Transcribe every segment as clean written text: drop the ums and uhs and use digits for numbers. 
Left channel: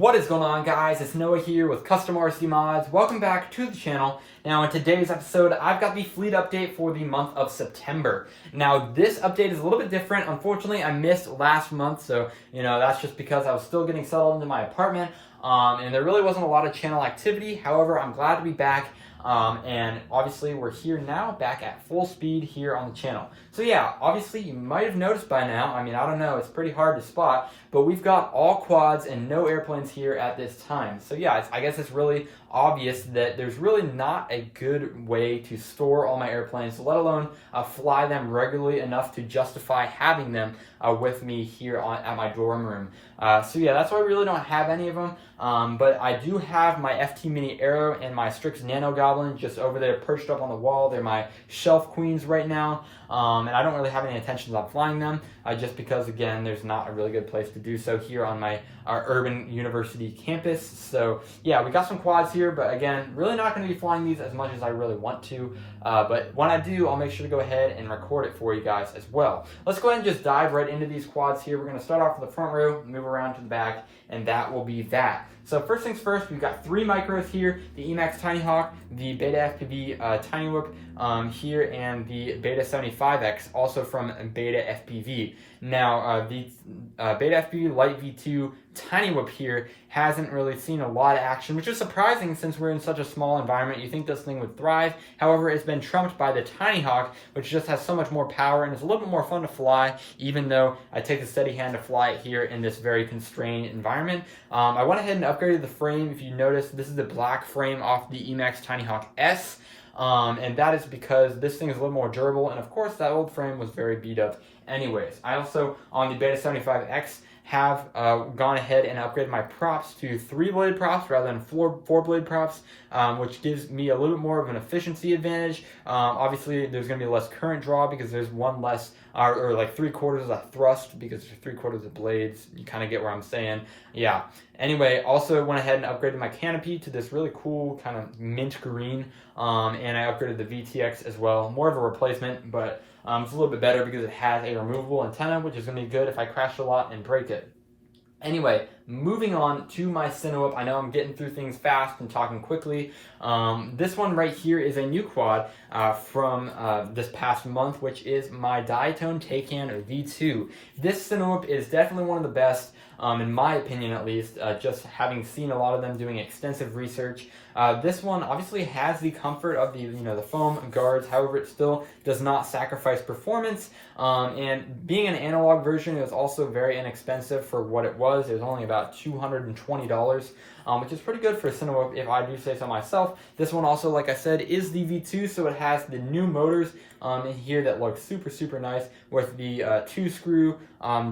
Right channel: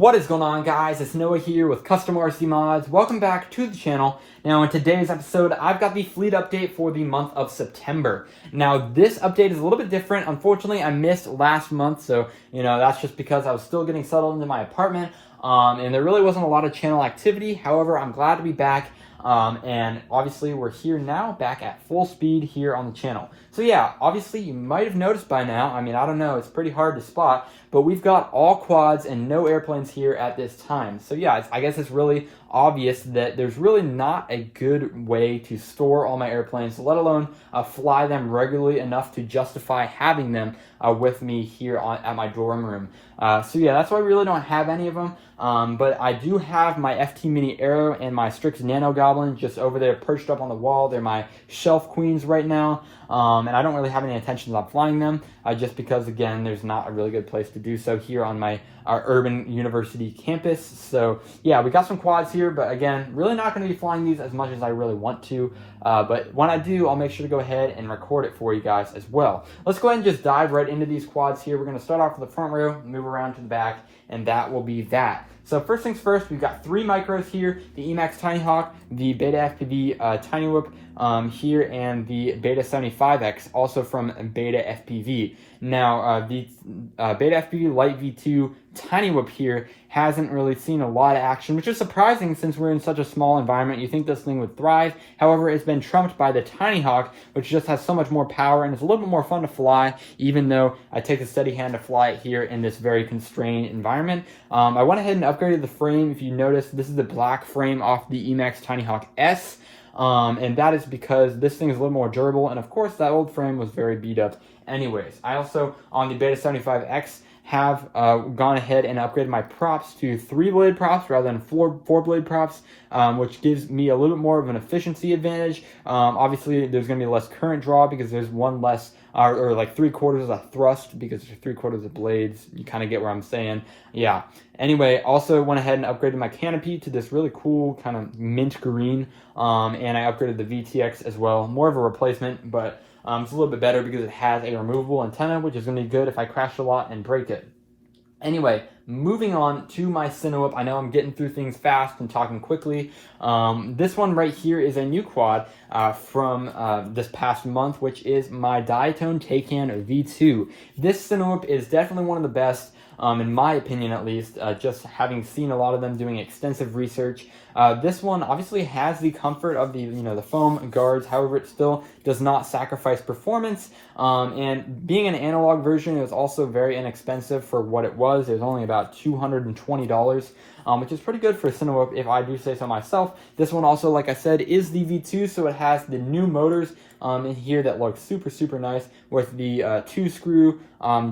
What is going on, guys? It's Noah here with Custom RC Mods. Welcome back to the channel. Now, in today's episode, I've got the fleet update for the month of September. Now, this update is a little bit different. Unfortunately, I missed last month, so, that's just because I was still getting settled into my apartment, and there really wasn't a lot of channel activity. However, I'm glad to be back, and obviously, we're here now, back at full speed here on the channel. So yeah, obviously, you might have noticed by now, I don't know, it's pretty hard to spot, but we've got all quads and no airplanes here at this time. So yeah, I guess it's really obvious that there's really not a good way to store all my airplanes, let alone fly them regularly enough to justify having them with me here at my dorm room. So yeah, that's why I really don't have any of them. But I do have my FT Mini Arrow and my Strix Nano Goblin just over there perched up on the wall. They're my shelf queens right now. And I don't really have any intentions of flying them, just because, again, there's not a really good place to do so here on our urban university campus. So yeah, we got some quads here, but again, really not going to be flying these as much as I really want to. But when I do, I'll make sure to go ahead and record it for you guys as well. Let's go ahead and just dive right into these quads here. We're going to start off with the front row, move around to the back, and that will be that. So first things first, we've got three micros here, the Emax Tiny Hawk, the Beta FPV Tiny Whoop here, and the Beta 75X, also from Beta FPV. Now, the Beta FPV Light V2 Tiny Whoop here hasn't really seen a lot of action, which is surprising since we're in such a small environment. You think this thing would thrive. However, it's been trumped by the Tiny Hawk, which just has so much more power and is a little bit more fun to fly, even though I take a steady hand to fly it here in this very constrained environment. I went ahead and upgraded the frame. If you notice, this is the black frame off the Emax Tiny Hawk S. And that is because this thing is a little more durable, and of course that old frame was very beat up anyways. I also, on the Beta 75X, have gone ahead and upgraded my props to 3-blade props rather than 4-blade props, which gives me a little bit more of an efficiency advantage. Obviously, there's going to be less current draw because there's one less, or like 3/4 of a thrust because there's 3/4 of blades. You kind of get where I'm saying. Yeah. Anyway, also went ahead and upgraded my canopy to this really cool kind of mint green, and I upgraded the VTX as well. More of a replacement, but it's a little bit better because it has a removable antenna, which is going to be good if I crash a lot and break it. Anyway, moving on to my Cinewhoop. I know I'm getting through things fast and talking quickly. This one right here is a new quad from this past month, which is my Diatone Taycan V2. This Cinewhoop is definitely one of the best, in my opinion at least, just having seen a lot of them doing extensive research. This one obviously has the comfort of the foam guards. However, it still does not sacrifice performance. And being an analog version, it was also very inexpensive for what it was. It was only about $220, which is pretty good for a Cinewhoop if I do say so myself. This one also, like I said, is the V2, so it has the new motors in here that look super nice with the 2-screw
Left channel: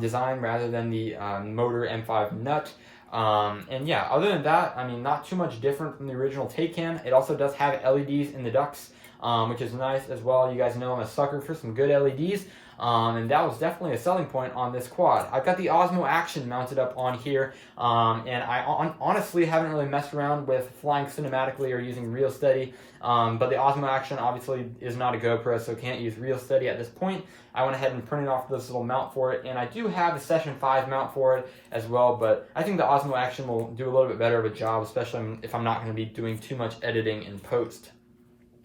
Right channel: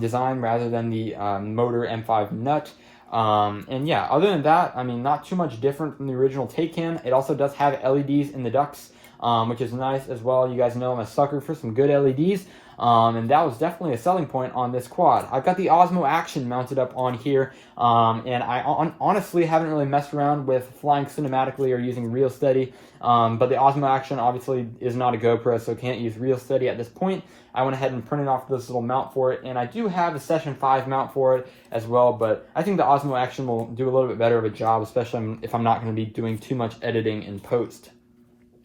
design rather than the motor M5 nut. And yeah, other than that, not too much different from the original Taycan. It also does have LEDs in the ducts, which is nice as well. You guys know I'm a sucker for some good LEDs. And that was definitely a selling point on this quad. I've got the Osmo Action mounted up on here, and I honestly haven't really messed around with flying cinematically or using Real Steady, but the Osmo Action obviously is not a GoPro, so can't use Real Steady at this point. I went ahead and printed off this little mount for it, and I do have a Session 5 mount for it as well, but I think the Osmo Action will do a little bit better of a job, especially if I'm not going to be doing too much editing in post.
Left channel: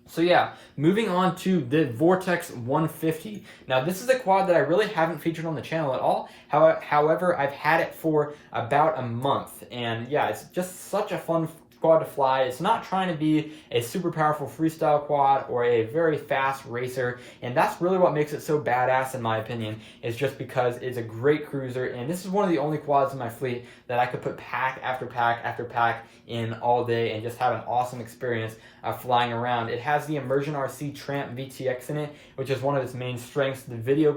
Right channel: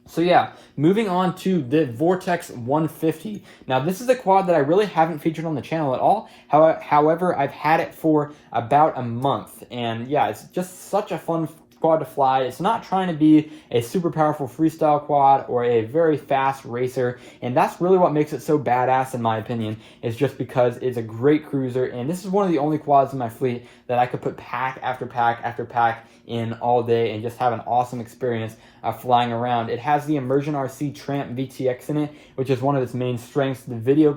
So yeah, moving on to the Vortex 150. Now this is a quad that I really haven't featured on the channel at all. However, I've had it for about a month, and yeah, it's just such a fun quad to fly. It's not trying to be a super powerful freestyle quad or a very fast racer, and that's really what makes it so badass in my opinion, is just because it's a great cruiser, and this is one of the only quads in my fleet that I could put pack after pack after pack in all day and just have an awesome experience flying around. It has the Immersion RC Tramp VTX in it, which is one of its main strengths. The video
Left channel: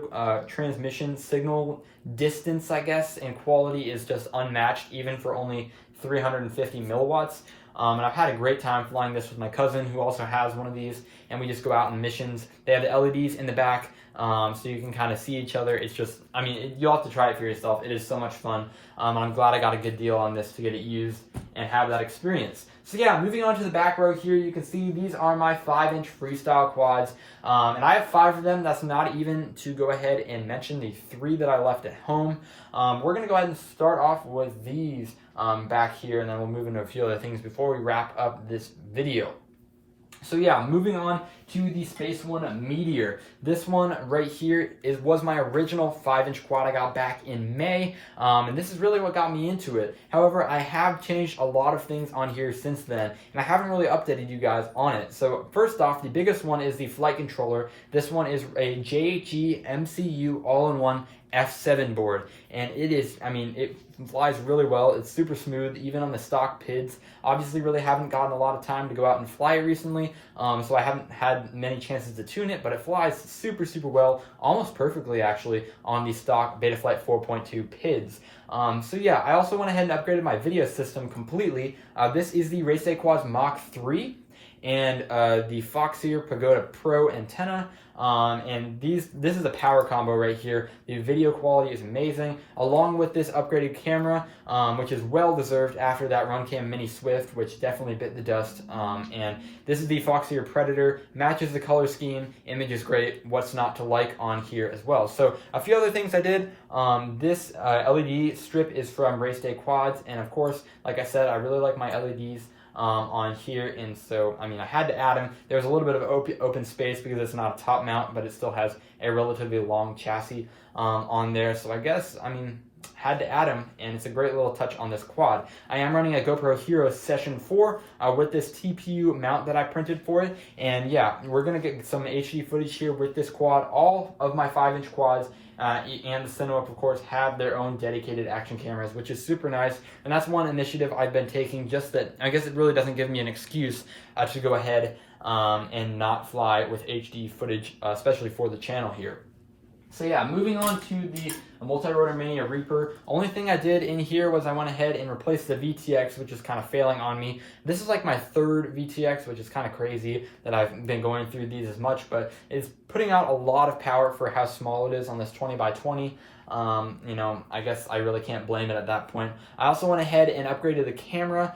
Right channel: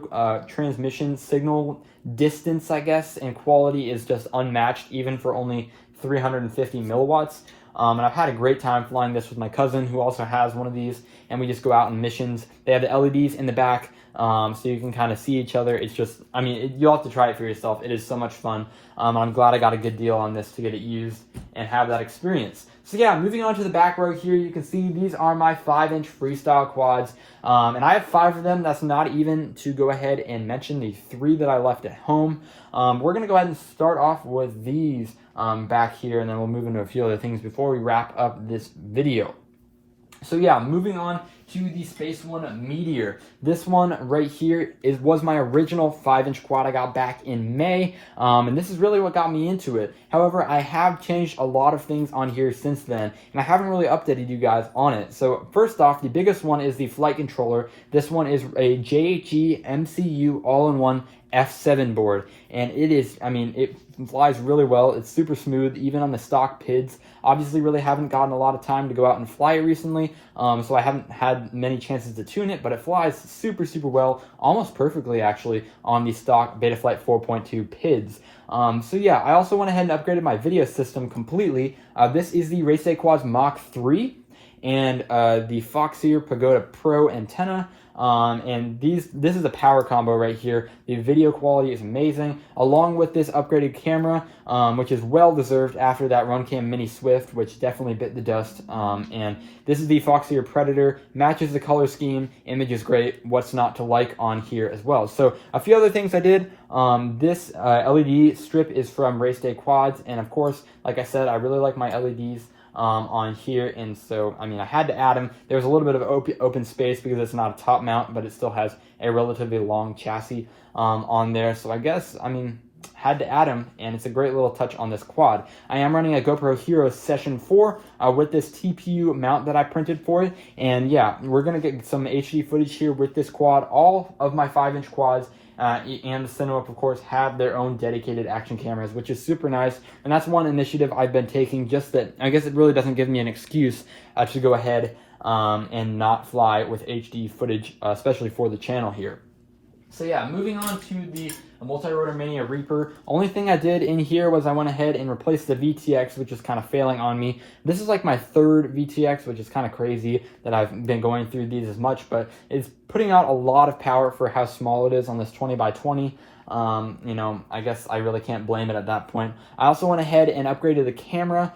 transmission signal distance, I guess, and quality is just unmatched, even for only 350 milliwatts. And I've had a great time flying this with my cousin, who also has one of these, and we just go out on missions. They have the LEDs in the back, so you can kind of see each other. It's just, I mean, you'll have to try it for yourself. It is so much fun. I'm glad I got a good deal on this to get it used and have that experience. So yeah, moving on to the back row here, you can see these are my 5-inch freestyle quads, and I have 5 of them. That's not even to go ahead and mention the 3 that I left at home. We're gonna go ahead and start off with these back here, and then we'll move into a few other things before we wrap up this video. So yeah, moving on to the Space One Meteor. This one right here was my original 5-inch quad I got back in May, and this is really what got me into it. However, I have changed a lot of things on here since then, and I haven't really updated you guys on it. So first off, the biggest one is the flight controller. This one is a JHE MCU all-in-one F7 board, and it is, I mean, it flies really well. It's super smooth, even on the stock PIDs. Obviously, really haven't gotten a lot of time to go out and fly it recently, so I haven't had many chances to tune it, but it flies super well, almost perfectly actually, on the stock Betaflight 4.2 PIDs. So yeah, I also went ahead and upgraded my video system completely. This is the Race Day Quads Mach 3 and the Foxeer Pagoda Pro antenna. And this is a power combo right here. The video quality is amazing, along with this upgraded camera, which is well deserved after that Runcam Mini Swift, which definitely bit the dust. And this is the Foxeer Predator, matches the color scheme, image is great. What's not to like on here as well? So a few other things I did. This LED strip is from Race Day Quads, and of course, like I said, I really like my LEDs on here, and so I mean I had to add them. There's a little bit of open space because it's not a top mount, but it still has a relatively long chassis on there, so I guess, I mean, had to add them, and it's a great little touch on this quad. I am running a GoPro Hero Session 4 with this TPU mount that I printed for it, and yeah, we're gonna get some HD footage here with this quad. All of my 5-inch quads and the Cinema, of course, have their own dedicated action cameras, which is super nice. And that's one initiative I've been taking, just that I guess it really doesn't give me an excuse to go ahead and not fly with HD footage, especially for the channel here. So yeah, moving on to the Multi-Rotor Mania Reaper. Only thing I did in here was I went ahead and replaced the VTX, which is kind of failing on me. This is like my 3rd VTX, which is kind of crazy that I've been going through these as much, but it's putting out a lot of power for how small it is on this 20x20. You know, I guess I really can't blame it at that point. I also went ahead and upgraded the camera.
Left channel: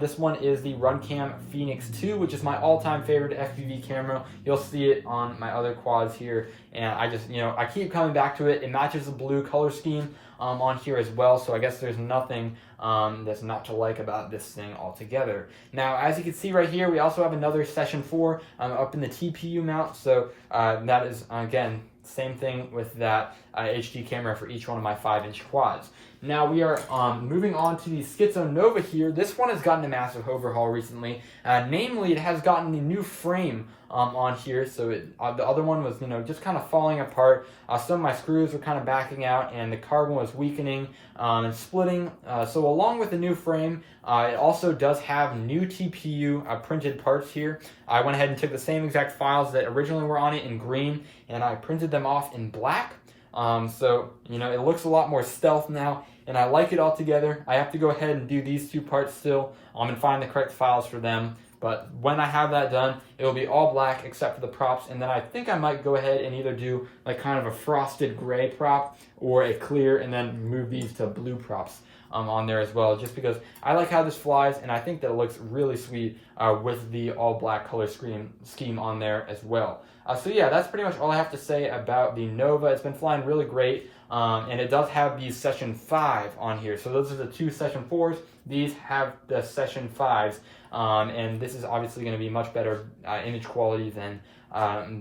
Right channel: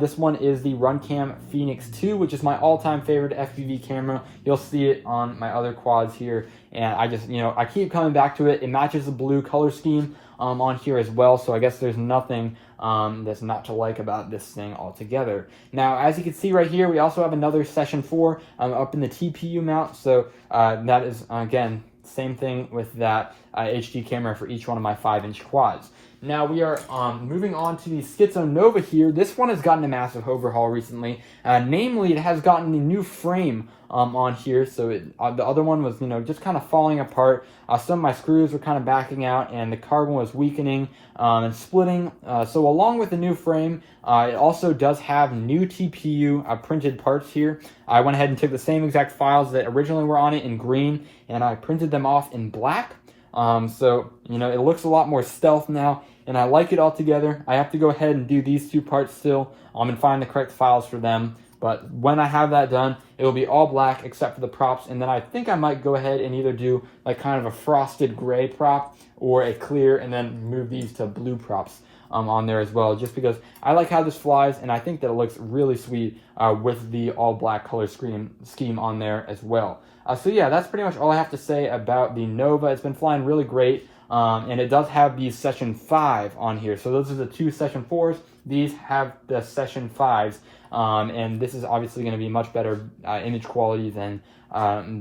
This one is the Runcam Phoenix 2, which is my all-time favorite FPV camera. You'll see it on my other quads here, and I just, you know, I keep coming back to it. It matches the blue color scheme on here as well, so I guess there's nothing that's not to like about this thing altogether. Now, as you can see right here, we also have another Session 4 up in the TPU mount, so that is, again, same thing with that HD camera for each one of my 5-inch quads. Now we are moving on to the Schizo Nova here. This one has gotten a massive overhaul recently. Namely, it has gotten a new frame on here. So the other one was, you know, just kind of falling apart. Some of my screws were kind of backing out, and the carbon was weakening and splitting. So along with the new frame, it also does have new TPU printed parts here. I went ahead and took the same exact files that originally were on it in green, and I printed them off in black. So, you know, it looks a lot more stealth now, and I like it all together. I have to go ahead and do these 2 parts still and find the correct files for them. But when I have that done, it will be all black except for the props, and then I think I might go ahead and either do like kind of a frosted gray prop or a clear, and then move these to blue props on there as well, just because I like how this flies, and I think that it looks really sweet with the all black color scheme on there as well. So yeah, that's pretty much all I have to say about the Nova. It's been flying really great, and it does have these Session 5 on here. So those are the 2 Session 4s. These have the Session 5s, and this is obviously going to be much better image quality than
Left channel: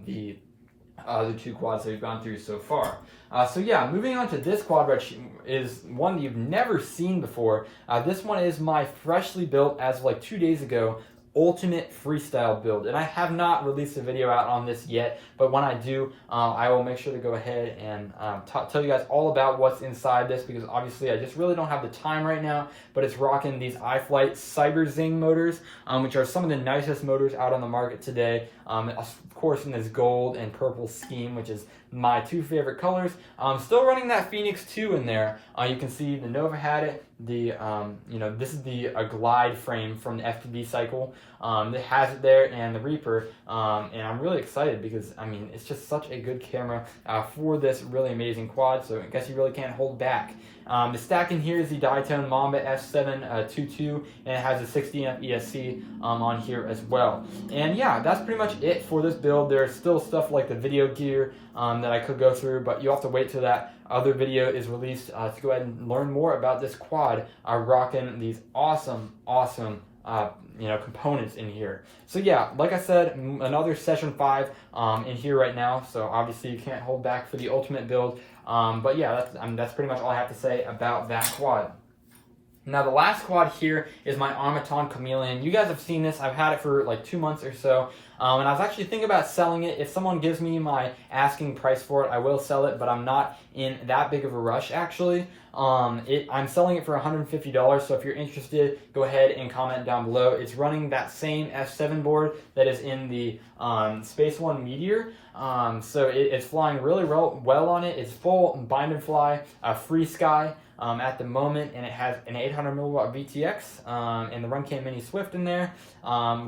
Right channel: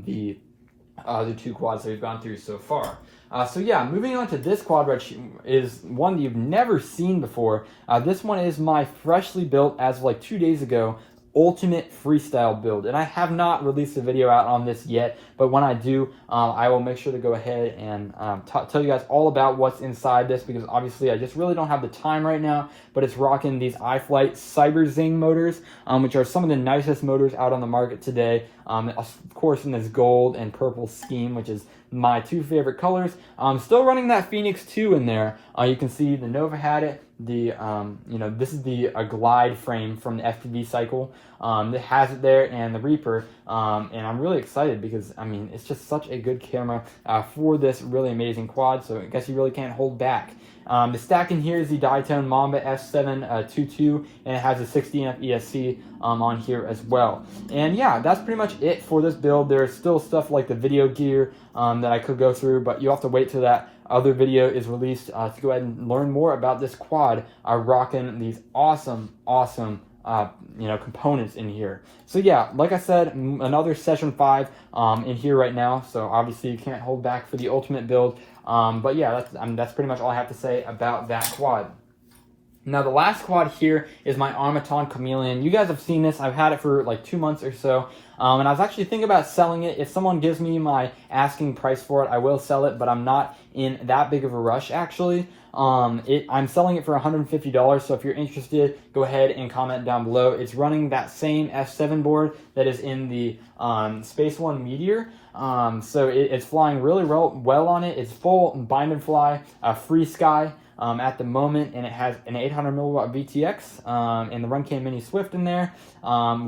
the 2 quads that we've gone through so far. So yeah, moving on to this quad, which is one you've never seen before. This one is my freshly built, as of like 2 days ago, ultimate freestyle build, and I have not released a video out on this yet, but when I do, I will make sure to go ahead and tell you guys all about what's inside this, because obviously I just really don't have the time right now. But it's rocking these iFlight Cyber Zing motors, which are some of the nicest motors out on the market today, of course in this gold and purple scheme, which is my 2 favorite colors. Still running that Phoenix 2 in there. You can see the Nova had it, the this is the glide frame from the FPV cycle. It has it there, and the Reaper, and I'm really excited because I mean it's just such a good camera for this really amazing quad. So I guess you really can't hold back. The stack in here is the Diatone Mamba S722, and it has a 60 amp ESC on here as well. And yeah, that's pretty much it for this build. There's still stuff like the video gear that I could go through, but you have to wait till that other video is released to go ahead and learn more about this quad rocking these awesome components in here. So yeah, like I said, another session 5 in here right now, so obviously you can't hold back for the ultimate build. But yeah, that's pretty much all I have to say about that quad. Now the last quad here is my Automaton Chameleon. You guys have seen this. I've had it for like 2 months or so. And I was actually thinking about selling it. If someone gives me my asking price for it, I will sell it, but I'm not in that big of a rush actually. I'm selling it for $150, so if you're interested, go ahead and comment down below. It's running that same F7 board that is in the Space One Meteor. So it's flying really well on it. It's full bind and fly, free sky. At the moment, and it has an 800 milliwatt VTX and the Runcam Mini Swift in there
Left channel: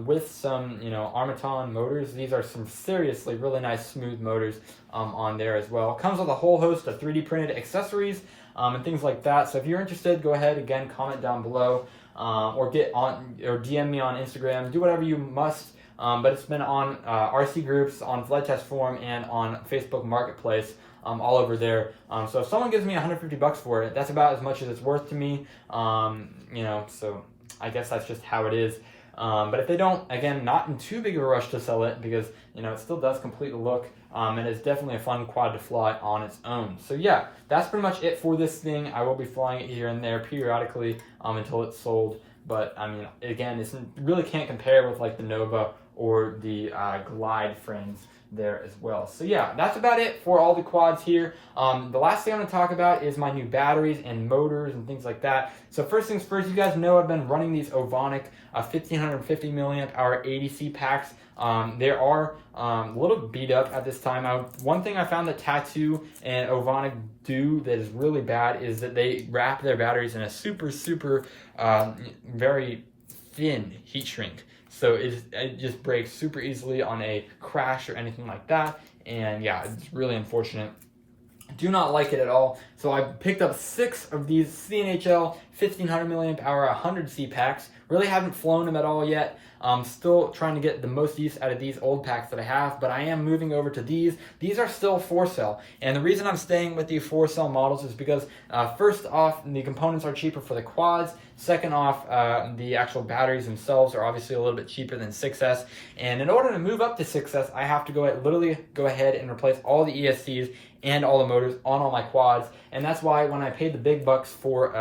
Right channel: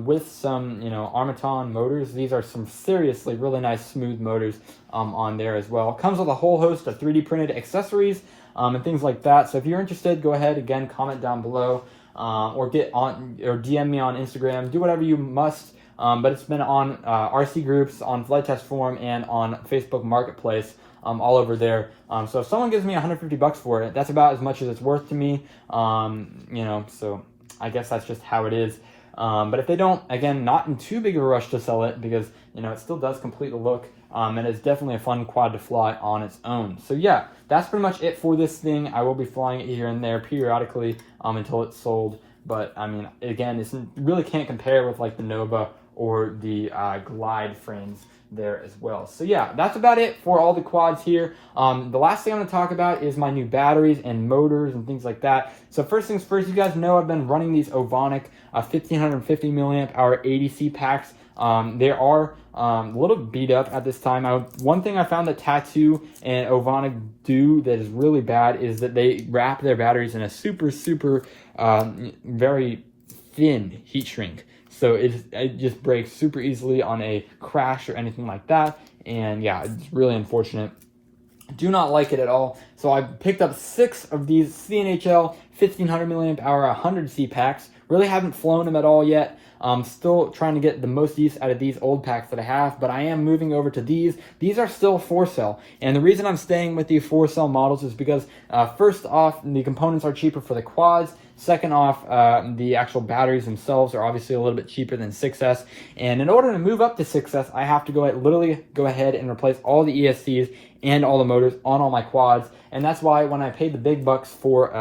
with some Automaton motors. These are some seriously really nice smooth motors on there as well. It comes with a whole host of 3D printed accessories and things like that. So if you're interested, go ahead, again, comment down below or DM me on Instagram. Do whatever you must. But it's been on RC groups, on Flight Test Forum, and on Facebook Marketplace. All over there. So if someone gives me $150 for it, that's about as much as it's worth to me. So I guess that's just how it is. But if they don't, again, not in too big of a rush to sell it because, it still does complete the look. And it's definitely a fun quad to fly on its own. So yeah, that's pretty much it for this thing. I will be flying it here and there periodically until it's sold. But I mean, again, this really can't compare with like the Nova or the Glide frames there as well. So yeah, that's about it for all the quads here. The last thing I'm going to talk about is my new batteries and motors and things like that. So first things first, you guys know I've been running these Ovonic 1550 milliamp hour ADC packs. They are a little beat up at this time. One thing I found that Tattoo and Ovonic do that is really bad is that they wrap their batteries in a super very thin heat shrink. So it just breaks super easily on a crash or anything like that. And yeah, it's really unfortunate. Do not like it at all. So I picked up 6 of these CNHL 1500 milliamp hour 100C packs. Really haven't flown them at all yet. I'm still trying to get the most use out of these old packs that I have, but I am moving over to these. These are still 4-cell, and the reason I'm staying with the 4-cell models is because first off, the components are cheaper for the quads. Second off, the actual batteries themselves are obviously a little bit cheaper than 6S, and in order to move up to 6S, I have to literally go ahead and replace all the ESCs and all the motors on all my quads. And that's why when I paid the big bucks for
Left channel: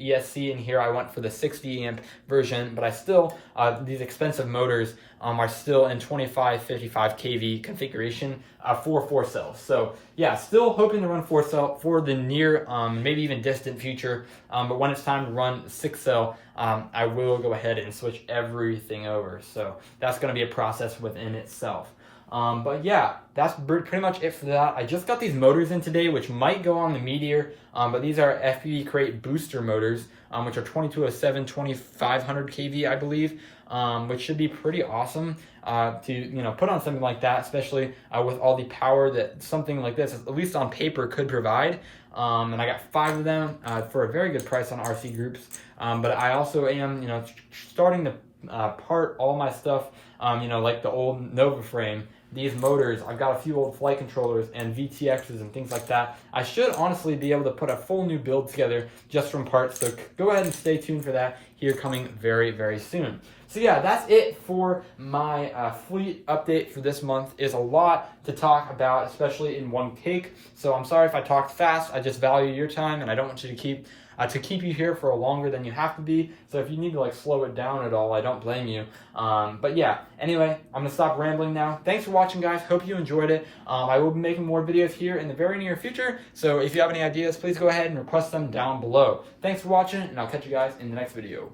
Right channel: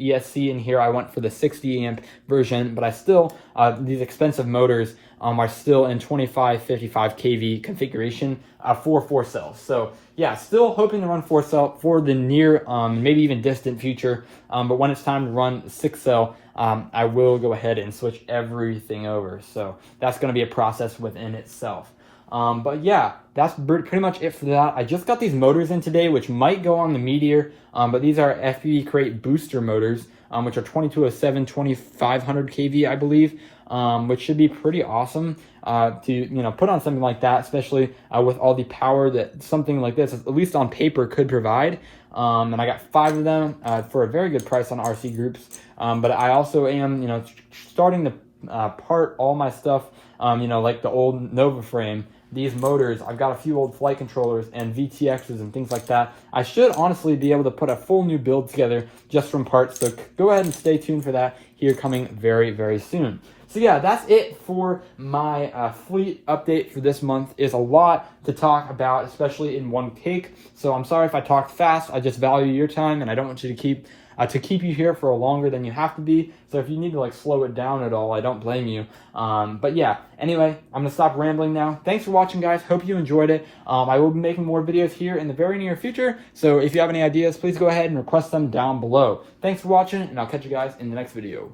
ESC in here, I went for the 60 amp version, but I still, these expensive motors are still in 25-55 kV configuration for 4-cells. So yeah, still hoping to run 4-cell for the near, maybe even distant future. But when it's time to run 6-cell, I will go ahead and switch everything over. So that's gonna be a process within itself. But yeah, that's pretty much it for that. I just got these motors in today, which might go on the Meteor, but these are FPV Crate booster motors, which are 2207, 2500 kV, I believe, which should be pretty awesome to put on something like that, especially with all the power that something like this, at least on paper, could provide. And I got 5 of them for a very good price on RC groups. But I also am, starting to part all my stuff, like the old Nova frame. These motors, I've got a few old flight controllers and VTXs and things like that. I should honestly be able to put a full new build together just from parts, so go ahead and stay tuned for that here coming very soon. So yeah, that's it for my fleet update for this month. It's a lot to talk about, especially in one take. So I'm sorry if I talked fast. I just value your time and I don't want you to keep you here for longer than you have to be. So if you need to slow it down at all, I don't blame you. But yeah, anyway, I'm gonna stop rambling now. Thanks for watching, guys. Hope you enjoyed it. I will be making more videos here in the very near future. So if you have any ideas, please go ahead and request them down below. Thanks for watching, and I'll catch you guys in the next video.